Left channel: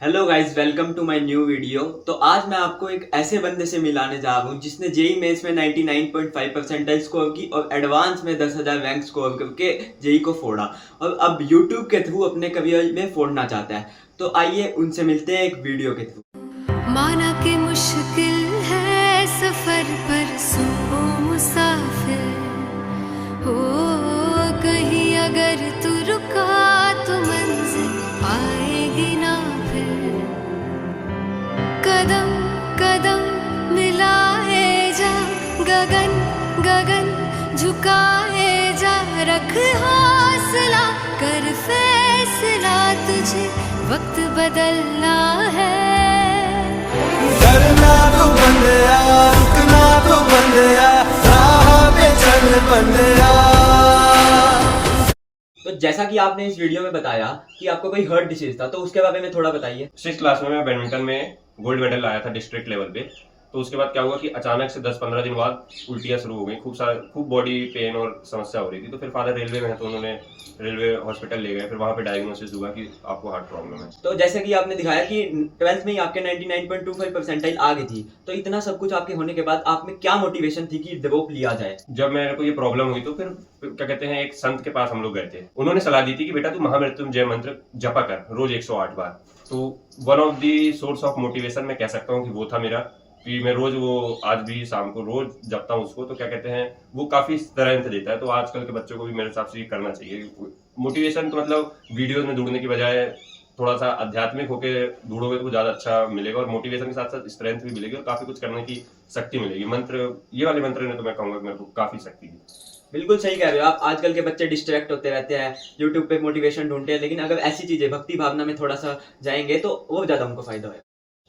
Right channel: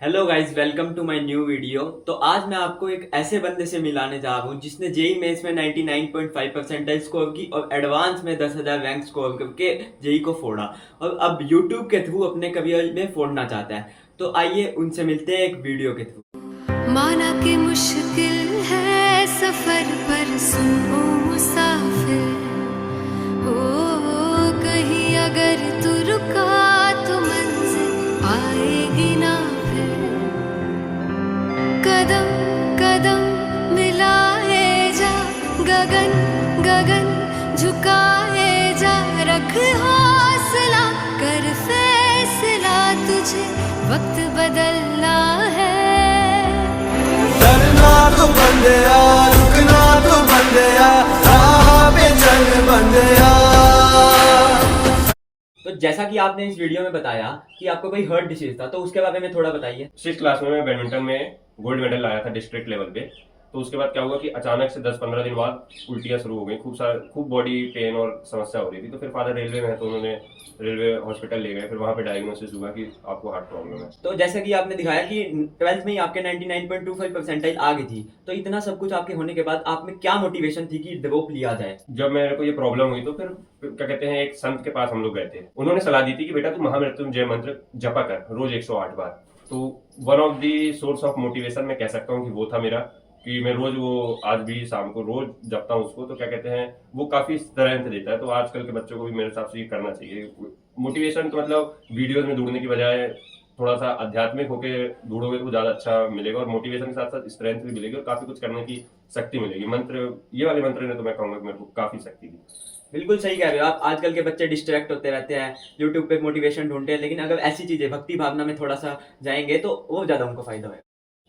Hello guys, welcome to my new video. तो आज मैं आपको एक ऐसे बंदे से मिलाने जा रहा हूँ जिसने जेई मेंस में 99.5 परसेंटाइल स्कोर की और एडवांस में 10,000 रैंक स्कोर करके जेई को फोड़ा और अब यूट्यूब के थ्रू अपने करियर में फोड़ना चाहता है। तो आइए उनसे मिलते हैं एक वीडियो के थ्रू। माना कि मुश्किल है सफर पर सुन ओ मुसाफिर हो, कहीं अगर तू रुका तो मंजिल आएगी ना फिर। कदम कदम मिलाए जा, गगन गगन झुकाए जा, रख हौसला कर फैसला, तुझे वक्त बदलना है। डरना तो बंदया, रुकना तो बंदया, राह पे चल बंदया। तो जैसा कि आपने इस वीडियो में बताया कि आपका कोई हर्ट डिसीज था, तो उसके बारे में थोड़ा बताइए। 6 क्लास में मैं बैडमिंटन में गोल्ड मेडल लाया था डिस्ट्रिक्ट लेवल पे। तो उसके बाद क्या हुआ कि अचानक से 10-15 दिन बाद उल्टियाँ शुरू हो गई, खूब बॉडी पेन और समस्या हो रही थी। तो फिर फादर रेलवे में है, तो उन्होंने रेलवे हॉस्पिटल ले गए। फिर वहाँ पे डायग्नोसिस हुआ कि आपको हार्ट प्रॉब्लम है। तो जैसे कि आपने दिखाया कि 12th में ही आपके 99.25 परसेंटाइल आ गई थी, तो इतना सब कुछ आपके होने के बाद आप में क्या मोटिवेशन थी कि ड्रॉप लिया जाए? जब मेरे को ये प्रॉब्लम हुई तो फिर क्या कहते हैं, एक संत के पास हम लोग गए थे। उन्होंने सलाह दी थी कि बेटा तू महामृत्युंजय मंत्र जपा कर रोज 108 बार। तो one of the source of motivation मैं कह सकता हूँ कि वो था मेरा, कि मैं रोज वो आज भी शाम को रोज जपता हूँ उसको। तो क्या कहते हैं, वो काफी स्ट्रेंथ देता है। तो आजकल के बच्चों को भी मेरे हिसाब से ये करना चाहिए। मोटिवेशन तो मतलब वीडियोज में ढूंढने की बजाय थोड़ा सा आध्यात्मिक होके ढूंढोगे तो ज्यादा अच्छा मिलेगा, और मोटिवेशन के साथ साथ स्ट्रेंथ भी मिलेगी और काफी कुछ करने की शक्ति मिलेगी। मंत्र, ये वाले मंत्र ने तो मैं कहूंगा कि मेरे को काफी शक्ति दी। बिल्कुल सही कह रहे हो आप। आजकल के बच्चे डिस्ट्रैक्ट होते रहते हैं, यूट्यूब पे मोटिवेशन ढूंढते हैं, लेकिन अगर ऐसी चीजें भक्ति भावना में थोड़ा सा जाएंगे तो और ज्यादा उनको फायदा होगा।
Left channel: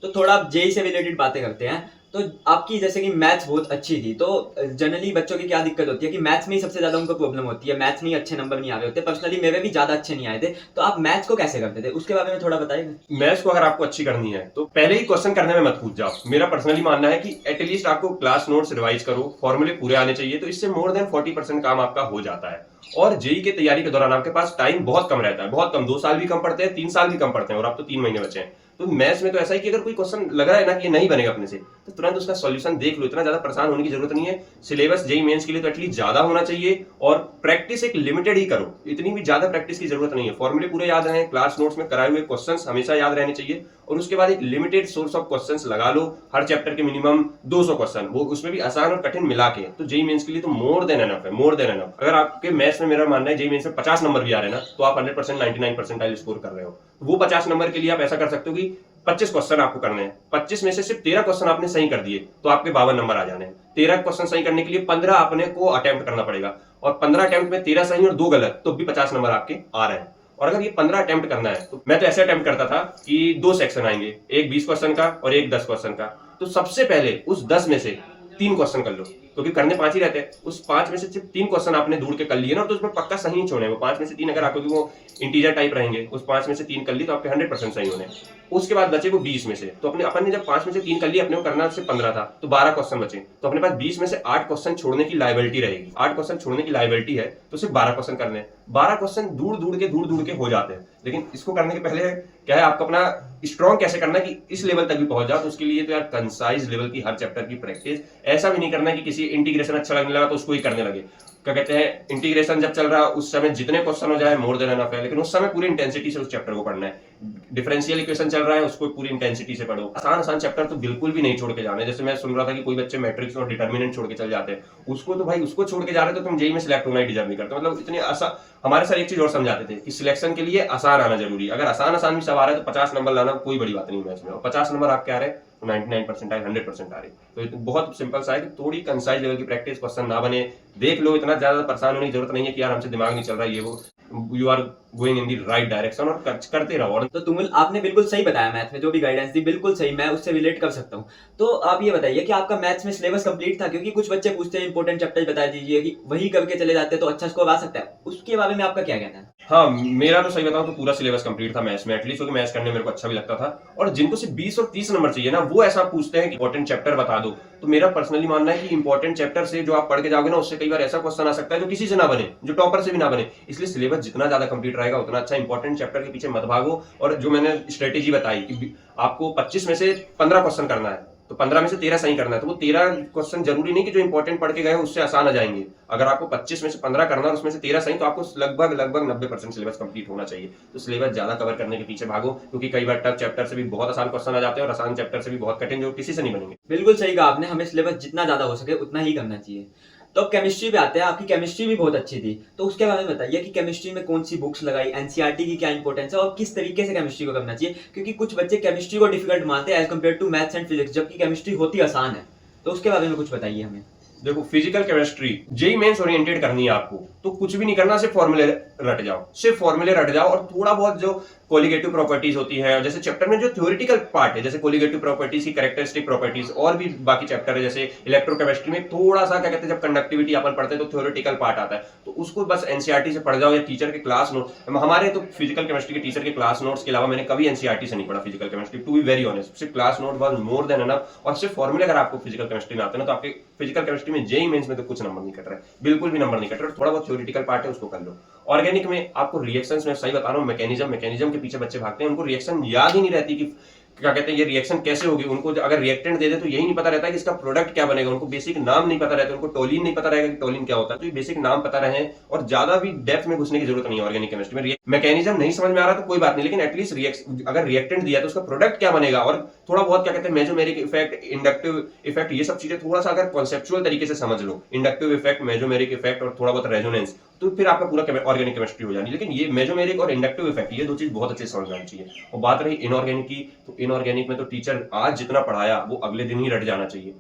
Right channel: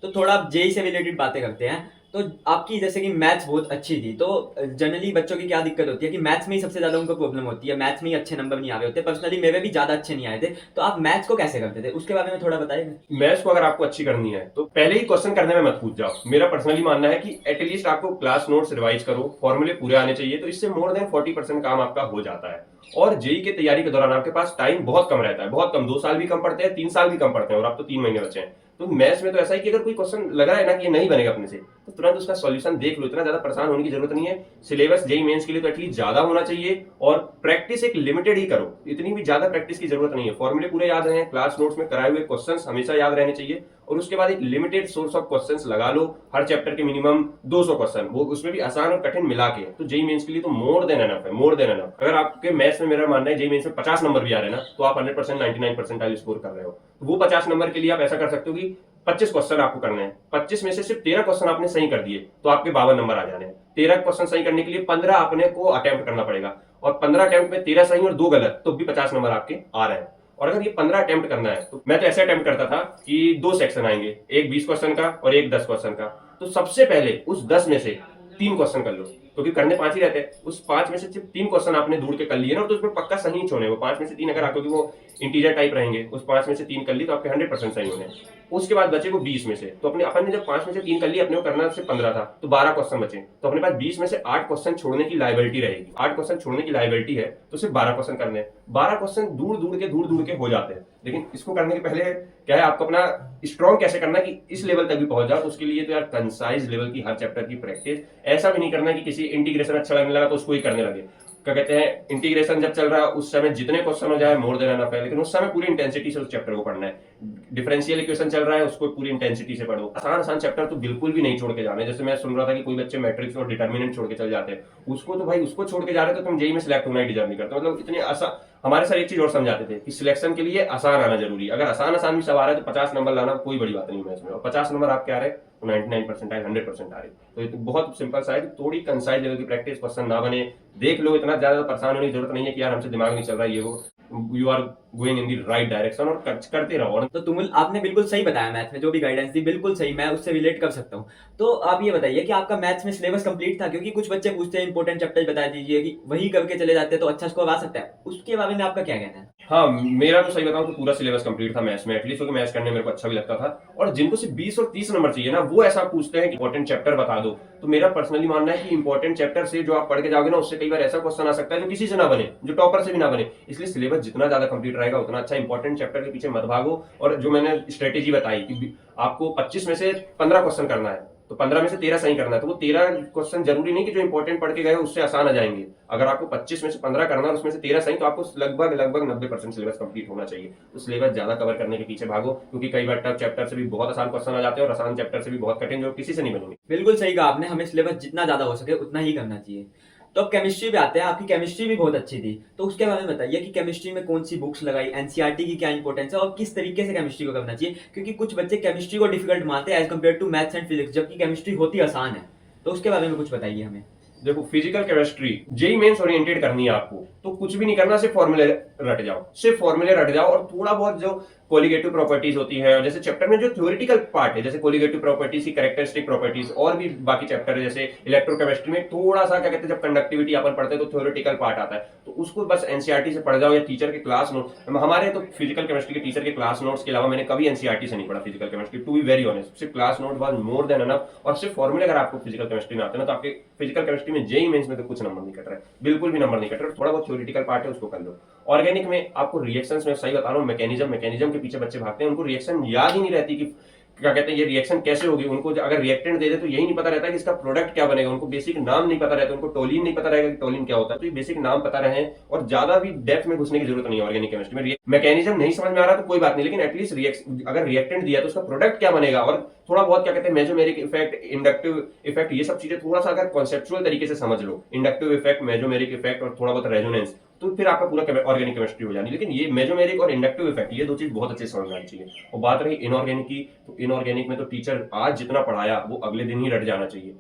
तो थोड़ा आप जेई से रिलेटेड बातें करते हैं। तो आपकी जैसे कि मैथ्स बहुत अच्छी थी, तो जनरली बच्चों की क्या दिक्कत होती है कि मैथ्स में ही सबसे ज्यादा उनको प्रॉब्लम होती है, मैथ्स में ही अच्छे नंबर नहीं आ रहे होते। पर्सनली मेरे भी ज्यादा अच्छे नहीं आए थे, तो आप मैथ्स को कैसे करते थे उसके बारे में थोड़ा बताइए। मैथ्स को अगर आपको अच्छी करनी है तो पहले ही क्वेश्चन करने में मत कूद जाओ। मेरा पर्सनली मानना है कि एटलीस्ट आपको क्लास नोट्स रिवाइज करो, फॉर्मूले पूरे आने चाहिए। तो इससे मोर देन 40% काम आपका हो जाता है। और जेई की तैयारी के दौरान आपके पास टाइम बहुत कम रहता है, बहुत कम। 2 साल भी कम पड़ते हैं, 3 साल भी कम पड़ते हैं, और अब तो 3 महीने बचे हैं। तो मैथ्स में तो ऐसा है कि अगर कोई क्वेश्चन लग रहा है ना कि ये नहीं बनेगा अपने से, तो तुरंत उसका सॉल्यूशन देख लो। इतना ज्यादा परेशान होने की जरूरत नहीं है। सिलेबस जेई मेंस के लिए तो एटलीस्ट ज्यादा होना चाहिए, और प्रैक्टिस एक लिमिटेड ही करो। इतनी भी ज्यादा प्रैक्टिस की जरूरत नहीं है। फॉर्मूले पूरे याद रहे, क्लास नोट्स में कराए हुए क्वेश्चंस हमेशा याद रहने चाहिए, और उसके बाद एक लिमिटेड सोर्स ऑफ क्वेश्चंस लगा लो। हर चैप्टर के मिनिमम 200 क्वेश्चन, वो उसमें भी आसान और कठिन मिला के। तो जेई मेंस के लिए तो मोर देन एनफ है, मोर देन एनफ। अगर आपके मैथ्स में, मेरा मानना है जेई मेंस में 50 नंबर भी आ रहे हैं ना, तो आप 100% 99 परसेंटाइल स्कोर कर रहे हो। वो 50 नंबर के लिए आप ऐसा कर सकते हो कि 25 क्वेश्चन आपको करने हैं। 25 में से सिर्फ 13 क्वेश्चन आपने सही कर दिए तो आपके 52 नंबर आ जाने हैं। 13 क्वेश्चन सही करने के लिए 15 अपने को अटेम्प्ट करना पड़ेगा, और 15 अटेम्प्ट में 13 सही और 2 गलत, तो भी 50 नंबर आपके आ रहे हैं। और अगर ये 15 अटेम्प्ट करना है, तो मैं तो ऐसे अटेम्प्ट करता था कि 2 सेक्शन आएंगे, एक 20 क्वेश्चन का और एक 10 क्वेश्चन का। तो सबसे पहले उस 10 में से 3 क्वेश्चन कर लो, क्योंकि करने 5 ही रहते हैं। उस 5 में से सिर्फ 3 क्वेश्चन आपने ढूंढ के कर लिए ना, तो उसमें पक्का सही छोड़े। वो 5 में से 3 अगर आपको, वो इंटीजर टाइप रहेंगे, उस 5 में से 3 कर ली तो आपके 100% सही होने। उसके बाद बचे वो 20 में से, तो अपन ने जब 5 में से 3 कर लिए, अपने को करना से 15 था, तो 12 क्वेश्चन बचे। तो अपने पास 20 में से 8 क्वेश्चन छोड़ने की लायबिलिटी रहेगी। 8 क्वेश्चन छोड़ने की लायबिलिटी है, तो सिर्फ 12 क्वेश्चन करने। 12 क्वेश्चन दूर दूर के हो जाते हैं। लेकिन इसको करने के पहले क्या है, आपको अपना स्ट्रॉन्ग कैसे करना है कि इस लेवल तक भी पहुंच जाओ। तो उसके लिए तो यार कंसाइज लेवल की हर चैप्टर की प्रैक्टिस। ऐसा भी नहीं करना है कि किसी इंटीग्रेशन अच्छा लगने लगा तो उसको ही करने लगे। क्या कहते हैं, इंटीग्रेशन जब चल रहा है उस समय जितने क्वेश्चन हो जाए मोर देन एनफ है, लेकिन उस समय पूरी इंटेंसिटी से उस चैप्टर को पढ़ना है। डिफरेंशियल इक्वेशन चल रहा है, उसको पूरी इंटेंसिटी से पढ़ो। आसान आसान चैप्टर तो बिल्कुल भी नहीं छोड़ के जाने। जैसे मैं सुन रहा था कि कोई बच्चे मैट्रिक्स और डिटर्मिनेंट छोड़ के चल जाते हैं, उसको तो भाई उसको छोड़ के जा रहे तो तुम जेई में सिलेक्ट होना ही डिजर्व नहीं करते। मतलब इतने आसान। हमारे सर एक चीज और समझाते थे कि सिलेक्शन के लिए आसान आना जरूरी। अगर आसान आसान भी सब आ रहा है तो 50 नंबर लाना कोई बड़ी बात नहीं मैथ्स में। और 50 नंबर आपके आ रहे, 99 परसेंटाइल 100% आ रही, तो ये तो बहुत सिंपल सा है कि थोड़ी कंसाइज लेवल की प्रैक्टिस, क्वेश्चन ना बने, देख लो। इतना ज्यादा परेशान होने की जरूरत नहीं है कि यार हमसे दिमाग नहीं चल रहा है, ये वो। You are going in the right direction, और करते रहो। और तो तुमुल, आपने बिल्कुल सही बताया, मैथ्स में जो भी गाइडेंस दी बिल्कुल सही, मैं उससे रिलेट कर सकता हूँ। तो आप ये बताइए कि आपका मैथ्स में सिलेबस कंप्लीट था? क्योंकि कुछ बच्चे पूछते हैं इंपॉर्टेंट चैप्टर बता दीजिए, कि वही करके चले जाते हैं तो अच्छा स्कोर आ सकता है। उसके बारे में आपका क्या कहना है? हाँ, मेरा तो सही बताऊं तो पूरा सिलेबस कंप्लीट था मैथ्स में, एटलीस्ट क्योंकि मैथ्स करने मेरे को अच्छा भी लगता था। और जिनको सिर्फ 20 और 30 नंबर चाहिए ना, वो ऐसा पूछते हैं कि इंपॉर्टेंट चैप्टर बता दो। तो मेरा पर्सनली मानना है कि इंपॉर्टेंट चैप्टर से जो आप पढ़ के जाओगे ना, उससे कई बार ऐसा क्वेश्चन आ सकता है जो किसी से ना बने, जो टॉपर से भी ना बने। इसलिए सिलेबस जितना ज्यादा कंप्लीट रहेगा उतना अच्छा। इंपॉर्टेंट चैप्टर के पीछे मत भागो। और जो मैंने स्ट्रेटेजी बताई कि आपको 25 में से 15 क्वेश्चन करना है, तो 15 में से 13 सही करना है, तो वो 13 क्वेश्चन जरूरी नहीं कि जो इंपॉर्टेंट पढ़ के गए उससे आसान आ जाएंगे। अगर आपको 25 में से 15 करना है और उसमें से 13 सही, तो आपको लगभग 90% सिलेबस कंप्लीट होना चाहिए। तो सिलेबस ज्यादा कवर करने के पीछे भागो, क्योंकि कई बार टफ चैप्टर से भी बहुत आसान क्वेश्चन आ जाते हैं और आसान चैप्टर से भी बहुत कठिन, जो किसी से नहीं बनेंगे। बिल्कुल सही कहा आपने, हमें सिलेबस जितना ज्यादा हो सके उतना ही करना चाहिए। तो अब केमिस्ट्री पे आते हैं। आपकी केमिस्ट्री भी बहुत अच्छी थी, तो उसके बारे में बताइए कि केमिस्ट्री में कौन सी बुक्स लगाई, एनसीईआरटी की क्या इंपॉर्टेंस है और किस तरीके से केमिस्ट्री को करना चाहिए, क्योंकि कुछ बच्चे केमिस्ट्री को डिफिकल्ट मानते हैं as compared to maths and physics, जबकि केमिस्ट्री होती आसान है। तो उसके बारे में कुछ बताइए हमें। देखो, physical chemistry JEE mains oriented करनी है आपको, तो कुछ भी नहीं करना, सिर्फ फॉर्मूले रट जाओ, सिर्फ फॉर्मूले रट जाओ। और थोड़ा बहुत जो कोलिगेटिव प्रॉपर्टीज होती है, जैसे चैप्टर में जो थ्योरेटिकल पार्ट है, जैसे कोलिगेटिव प्रॉपर्टीज की कैरेक्टरिस्टिक प्रॉपर्टीज, और भी बाकी चैप्टर है, जैसे इलेक्ट्रोकेमिस्ट्री में थोड़ा सा क्या कहते हैं, जब कंडक्टिविटी अपन पढ़ते हैं तो थ्योरेटिकल पार्ट आता है, तो उसको बस एनसीईआरटी से पढ़ जाओ या टीचर के क्लास नोट। हमारे तो फिजिकल केमिस्ट्री के टीचर के क्लास नोट्स के अलावा मैंने कभी एनसीईआरटी से नहीं पढ़ा physical chemistry, to be very honest. सिर्फ class note was more than enough. और सिर्फ फॉर्मूले अगर आपको फिजिकल केमिस्ट्री में आते हैं तो आपके फिजिकल केमिस्ट्री में जेई मेंस में तो कुछ नंबर नहीं कट रहा है, बिल्कुल भी नंबर नहीं कट रहा है। थोड़ा बहुत थ्योरेटिकल पार्ट है, उसको कर लो। ऑर्गेनिक में आपको रिएक्शंस में सही बता रहा हूँ, मैकेनिज्म के पीछे बच्चे भागते हैं, उनको रिएक्शन याद ही नहीं रहती कि क्या कहते हैं ये रिएक्शन कैसे होगी। उनको अगर रिएक्टेंट दे दे तो यही नहीं पता रहता कि इसका प्रोडक्ट क्या बनेगा, उनको बेसिक नाम नहीं पता रहता, उनको टोलिन नहीं पता रहेगा कि टोलिन क्या होता है। तो ये बेसिक नाम पता रहे, और ज्यादा भी डेप्थ में घुसने की जरूरत नहीं है ऑर्गेनिक केमिस्ट्री में। मैकेनिज्म नहीं समझ में आ रहा तो कोई बात नहीं, लेकिन एटलीस्ट अगर रिएक्टेंट दिया तो उसका प्रोडक्ट क्या बनेगा, और थोड़ा बहुत क्या कहते हैं मेसोमेरिक इफेक्ट, इंडक्टिव इफेक्ट, ये सब चीजें थोड़ा सा अगर कॉन्सेप्चुअल तरीके से समझ लो, इंडक्टिव इफेक्ट, मेसोमेरिक इफेक्ट और थोड़ा बहुत रेजोनेंस, तो फिर आपका पूरा ऑर्गेनिक केमिस्ट्री हो जानी। लेकिन ये मेसोमेरिक और इंडक्टिव इफेक्ट, ये दो चीज बहुत अच्छे से समझ आनी चाहिए। और बात रही इनऑर्गेनिक की, तो इनऑर्गेनिक में तो टीचर आज जितना पढ़ाया वो अगले दिन ही रट जाना चाहिए।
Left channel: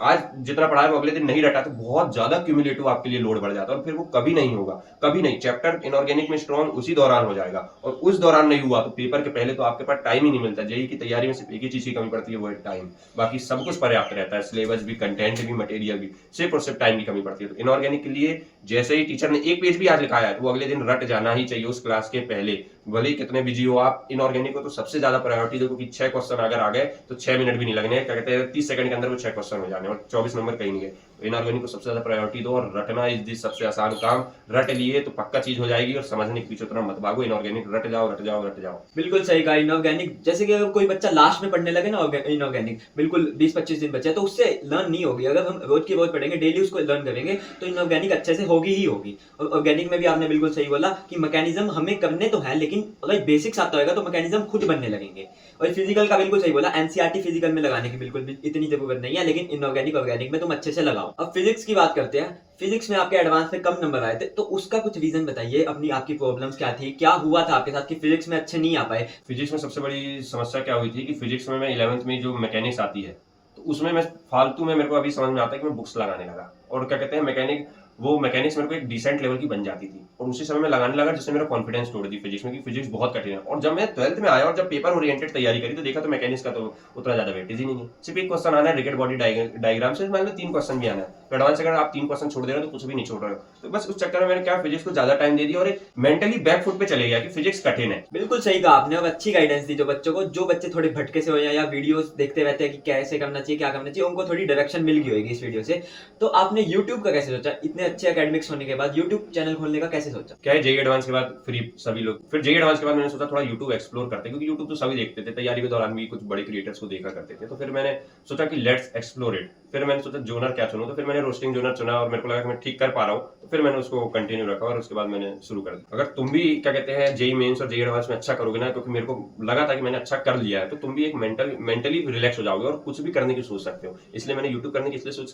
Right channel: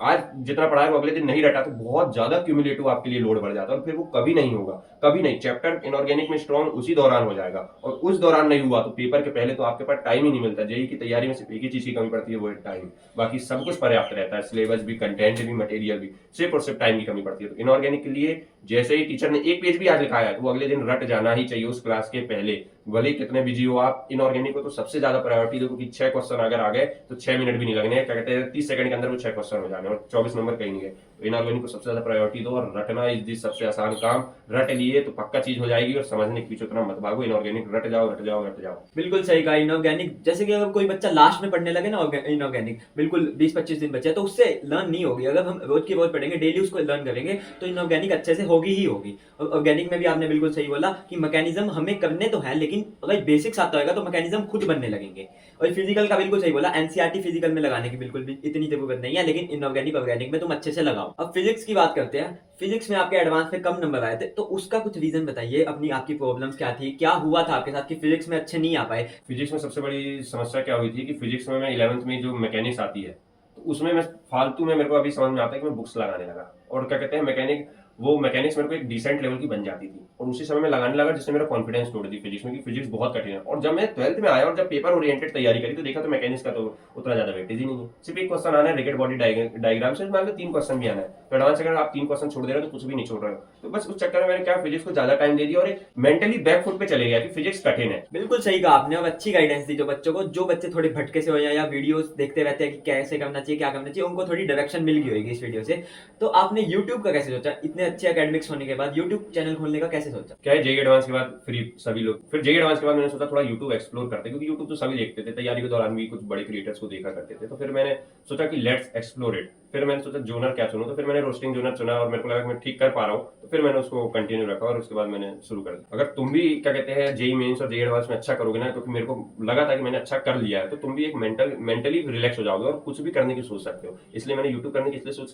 आज जितना पढ़ाया वो अगले दिन नहीं रटा तो बहुत ज्यादा क्यूमुलेटिव आपके लिए लोड बढ़ जाता है, और फिर वो कभी नहीं होगा, कभी नहीं। चैप्टर इनऑर्गेनिक में स्ट्रॉन्ग उसी दौरान हो जाएगा, और उस दौरान नहीं हुआ तो पेपर के पहले तो आपके पास टाइम ही नहीं मिलता। जेईई की तैयारी में सिर्फ एक ही चीज की कमी पड़ती है, वो है टाइम। बाकी सब कुछ पर्याप्त रहता है, सिलेबस भी, कंटेंट भी, मटेरियल भी, सिर्फ और सिर्फ टाइम की कमी पड़ती है। तो इनऑर्गेनिक के लिए जैसे ही टीचर ने एक पेज भी आज लिखाया है तो वो अगले दिन रट जाना ही चाहिए उस क्लास के पहले, भले कितने बिजी हो आप। इनऑर्गेनिक को तो सबसे ज्यादा प्रायोरिटी देखो कि 6 क्वेश्चन अगर आ गए तो 6 मिनट भी नहीं लगने, क्या कहते हैं 30 सेकंड के अंदर वो 6 क्वेश्चन हो जाने, और 24 नंबर कहीं नहीं गए। इनऑर्गेनिक को सबसे ज्यादा प्रायोरिटी दो, और रटना इज सबसे आसान काम। रट लिए तो पक्का चीज हो जाएगी, और समझने के पीछे उतना मत भागो। इनऑर्गेनिक रट जाओ, रट जाओ, रट जाओ। बिल्कुल सही कहा। इनऑर्गेनिक जैसे कि अगर कोई बच्चा लास्ट में पढ़ने लगे ना इनऑर्गेनिक, बिल्कुल 20-25 दिन बचा तो उससे लर्न नहीं होगी। अगर हम रोज की रोज पढ़ेंगे, डेली उसको लर्न करेंगे, तो इनऑर्गेनिक अच्छे से होगी ही होगी। और ऑर्गेनिक में भी आपने बिल्कुल सही बोला कि मैकेनिज्म हमें करने तो है, लेकिन अगर बेसिक्स आता होगा तो मैकेनिज्म खुद बनने लगेंगे। और फिजिकल का बिल्कुल सही बोला, एनसीईआरटी फिजिकल में लगाने की बिल्कुल भी इतनी जरूरत नहीं है, लेकिन इनऑर्गेनिक ऑर्गेनिक में तुम अच्छे से लगाओ। अब फिजिक्स की बात करते हैं। फिजिक्स में आपके एडवांस में कम नंबर आए थे, तो उसका कुछ रीजन बताइए। आपकी प्रॉब्लम्स क्या थी, क्या हुआ था आपके साथ कि फिजिक्स में अच्छे नहीं आ पाए? फिजिक्स में सबसे बड़ी समस्या क्या हुई थी कि फिजिक्स में मैं 11th में जो मैकेनिक्स आती है, तो उसमें मैं फालतू में, मेरे को अभी समझ में आता है कि मैं बुक्स लगाने लगा, और क्या कहते हैं मैकेनिक्स मेरे को एक डिसेंट लेवल की बन जाती थी, और उसी समय मैं लगाने लगा, जिससे मेरा कॉन्फिडेंस तोड़ दी फिजिक्स में कि फिजिक्स बहुत कठिन है। और जब मैं 12th में आया और जब पेपर ओरिएंटेड तैयारी करी तो देखा तो मैकेनिक्स का तो उतना ज्यादा वेटेज ही नहीं है। सिर्फ एक क्वेश्चन आना है रिजिड बॉडी डायग्राम से, मान लो 3 क्वेश्चन भी आना है, तो एडवांस अगर आप 3 क्वेश्चन छोड़ दे रहे हो तो कुछ भी नहीं छोड़ रहे हो। तो बस उस चक्कर में मैंने क्या फिजिक्स को ज्यादा टाइम दे दिया, और एक मेंटली बैक फुट पे चले गया कि फिजिक्स कठिन है। बिल्कुल सही कहा आपने, और अच्छी गाइडेंस दी जो बच्चों को, जो बच्चे थोड़े भटके से हो या वीडियोस देखते रहते हैं कि कैसे करना चाहिए, क्या करना चाहिए, उनको थोड़ी डायरेक्शन मिल गई होगी इस वीडियो से। तो आपने यूट्यूब का कैसे सोचा, इतने अच्छे एकेडमिक्स होने के बाद यूट्यूब चैनल खोलने का कैसे सोचा? क्या है, जेईई एडवांस के बाद फ्री सभी लोग, फिर जेईई एडवांस के बाद मैंने सोचा थोड़ा यूट्यूब एक्सप्लोर करते हैं, क्योंकि यूट्यूब तो सभी देखते थे, तैयारी के दौरान भी कुछ बड़े क्रिएटर्स को देखा करते थे। तो फिर मैंने सोचा कि लेट्स एक्सप्लोर इट। फिर मैंने सोचा जोनर क्या चुनूं, तो फिर मैंने रोस्टिंग जोनर चुना, और मेरे को लगा कि मैं ठीक कर पा रहा हूँ, तो फिर मैंने उसको कंटिन्यू रखा, और उसके बाद मैंने शुरू कर दिया। अगर तुम भी क्या कहते हैं जेईई मेंस और जेईई एडवांस में अच्छा करोगे ना, क्योंकि मेरे को लगा था कि मैंने अच्छा कर लिया है, तो तुम भी एक मेंटली रिलैक्स हो जाओगे और कुछ भी करने की सोच सकते हो। इसलिए मैंने यूट्यूब करने की इसलिए सोच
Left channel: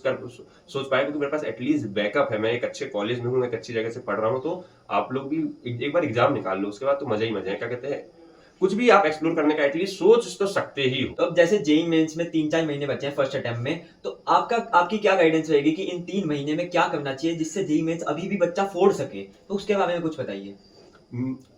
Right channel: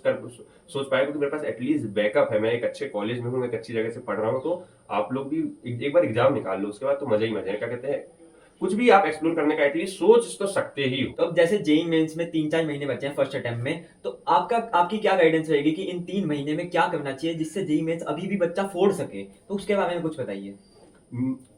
पाया क्योंकि मेरे पास एटलीस्ट बैकअप है, मैं एक अच्छे कॉलेज में हूँ, एक अच्छी जगह से पढ़ रहा हूँ। तो आप लोग भी एक बार एग्जाम निकाल लो, उसके बाद तो मजा ही मजा है। क्या कहते हैं, कुछ भी आप एक्सप्लोर करने का एटलीस्ट सोच तो सकते ही हो। तो अब जैसे जेईई मेंस में 3-4 महीने बचे हैं फर्स्ट अटेम्प्ट में, तो आपकी क्या गाइडेंस रहेगी कि इन 3 महीने में क्या करना चाहिए जिससे जेईई मेंस अभी भी बच्चा फोड़ सके? तो उसके बारे में कुछ बताइए।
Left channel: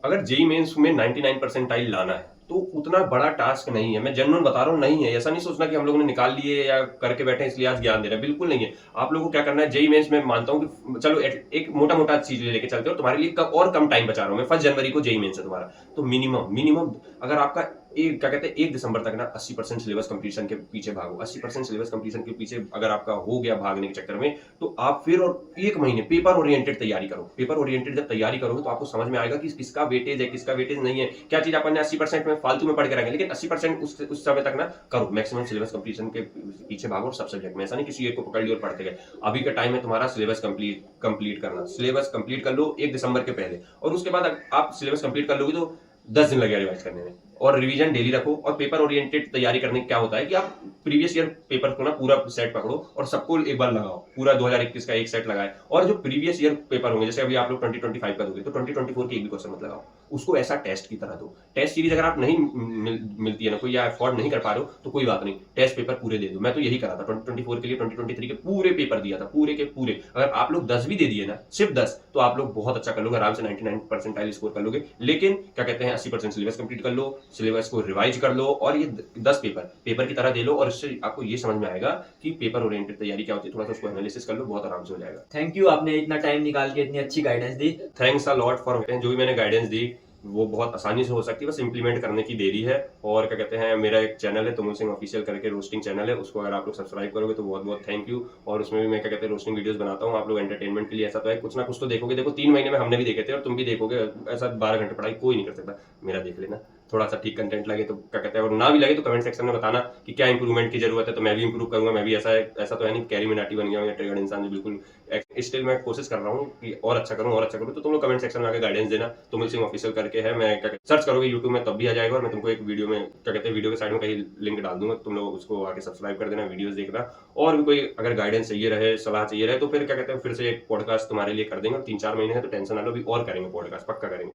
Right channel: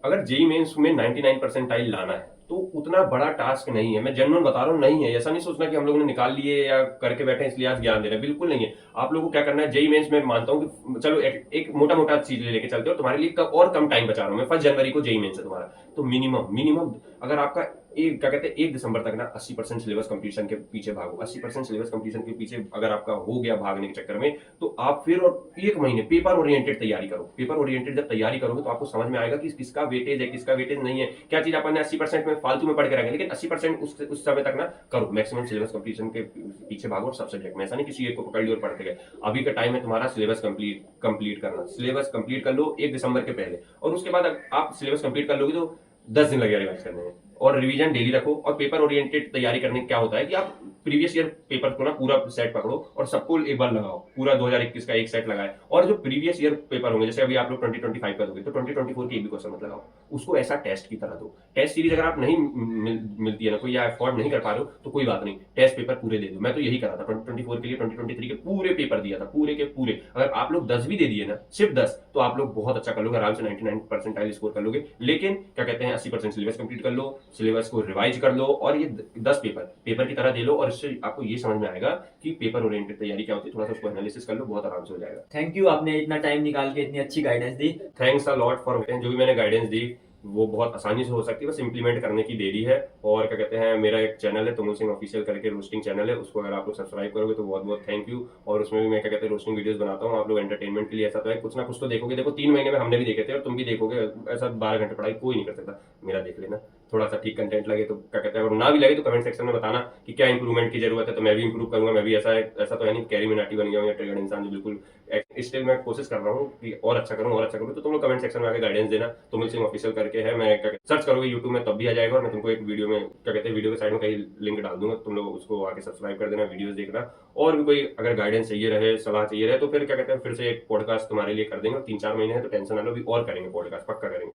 अगर जेईई मेंस में 99 परसेंटाइल लाना है तो उतना बड़ा टास्क नहीं है, मैं जनरल बता रहा हूँ, नहीं है। ऐसा नहीं सोचना कि हम लोगों ने निकाल लिए या करके बैठे इसलिए आज ज्ञान दे रहे हैं, बिल्कुल नहीं है। आप लोगों को क्या करना है, जेईई मेंस में मानता हूँ कि चलो एक मोटा मोटा चीज लेके चलते हो, तुम्हारे लिए और कम टाइम बचा रहा हूँ मैं, 1 जनवरी को जेईई मेंस है तुम्हारा, तो मिनिमम अगर आपका एक क्या कहते हैं 1 दिसंबर तक ना 80% सिलेबस कंप्लीशन के पीछे भागो, 80% सिलेबस कंप्लीशन के पीछे अगर आपका हो गया भागने के चक्कर में, तो आप फिर और 1 महीने पेपर ओरिएंटेड तैयारी करो। पेपर ओरिएंटेड जब तैयारी करोगे तो आपको समझ में आएगा कि किसका वेटेज है, किसका वेटेज नहीं है, क्या चीज अपन ने 80% में फालतू में पढ़ के रखेंगे, लेकिन 80% उस समय तक ना करो, मैक्सिमम सिलेबस कंप्लीशन के पीछे भागो, और सब सब्जेक्ट में, ऐसा नहीं किसी एक को पकड़ लिया और पढ़ते गए। अभी का टाइम है तुम्हारा सिलेबस कंप्लीट करना, सिलेबस कंप्लीट कर लो 1 दिसंबर के पहले, और उसके बाद आप सिलेबस कंप्लीट कर लोगे तो 10 दिन लगेगा रिवाइज करने में, और रिवीजन डेली रखो। और पेपर ओरिएंटेड तैयारी करने क्या होता है कि आप प्रीवियस ईयर पेपर को ना पूरा सेट पकड़ो और सबको एक बार लगाओ, पूरा 2021 का एक सेट लगाए, और जो प्रीवियस ईयर पेपर होंगे, जैसे अभी आप लोग 2025 का दोगे तो 2024 के एक भी क्वेश्चन मत लगाओ, उसको ऐसा टेस्ट की तरह दो। टेस्ट सीरीज अगर आप नहीं मिलती है ना कोई, या अफोर्ड नहीं कर पा रहे हो तो कोई बात नहीं, टेस्ट पेपर पूरे दे दो। मैं तो यही करा था 2024 के लिए, 2023 के पूरे पेपर दिया था, पूरे के पूरे। अगर आप लोग 10 भी दे दिए ना, सिर्फ 10, तो आप लोग बहुत अच्छा कर लोगे, आराम से 99 परसेंटाइल स्कोर कर लोगे। लेकिन क्या कहते हैं 80% सिलेबस कंप्लीट कर लो, सिलेबस को रिवाइज कर लो, और ये 10 पेपर की तरह दे लो, और इससे आपको ये समझ में आएगा कि पेपर ओरिएंटेड तैयारी क्या होती है, थोड़ा सा उसको एनालिसिस कर लो, बहुत आराम से हो जाएगा। थैंक यू, आपने इतना टाइम निकाल के इतनी अच्छी guidance the. Thanks a lot for जो भी मैंने गाइडेंस दी वो बहुत आसानी से हो सकती है, बस इंप्लीमेंट करने की देरी है। और क्या कहते हैं, मेरा एक चैनल है तुमुल सिंह ऑफिशियल करके, रोस्टिंग चैनल है, उसको अगर आप लोग सब्सक्राइब करोगे तो बहुत बहुत थैंक यू। और उसमें भी मैं क्या कहते हैं रोस्टिंग वीडियोस बनाता हूँ, आप लोग एंटरटेनमेंट के लिए, ऐसा तो है कुछ ना कुछ तो देखोगे। देखो 3 महीने में हमने भी देखे थे और तुम भी देखोगे, ऐसा 12 घंटे पढ़ाई कोई नहीं कर सकता, मेरा देख लेना। थोड़ा सा ठीक कंटेंट लगे तो क्या कहते हैं, और ना भी लगे तो कमेंट सेक्शन में बताना कि क्या इंप्रूवमेंट की जरूरत है, तो मैं भी इंप्रूव करूंगा। मैं भी ऐसा तो है नहीं कैरी मिनाटी बन गया हूं या ट्रिगर्ड इंसान जो बिल्कुल, स्टिल मैं कोशिश कर रहा हूँ कि और अच्छा करूँ। तो तुम लोग कमेंट सेक्शन में आके गाइडेंस देना, तुमुल सिंह ऑफिशियल करके है, मैं सर्च करोगे यूट्यूब में तब भी आ जाएगा, और मैं तुमको एक वीडियो में क्या कहते हैं वीडियो के साइड में कहीं लिंक डाल दूंगा, तुम लोग उसको आके सब्सक्राइब कर देना, वीडियोस देखना। और भी कोई अगर गाइडेंस चाहिए रहे, सलाह चाहिए रहे, तो फिर क्या कहते हैं फिर से एक पॉडकास्ट तुम्हारे लिए कर देंगे। 3-4 महीने हैं तो टेंशन ना लो, भी और करेंगे पॉडकास्ट, पक्का करेंगे।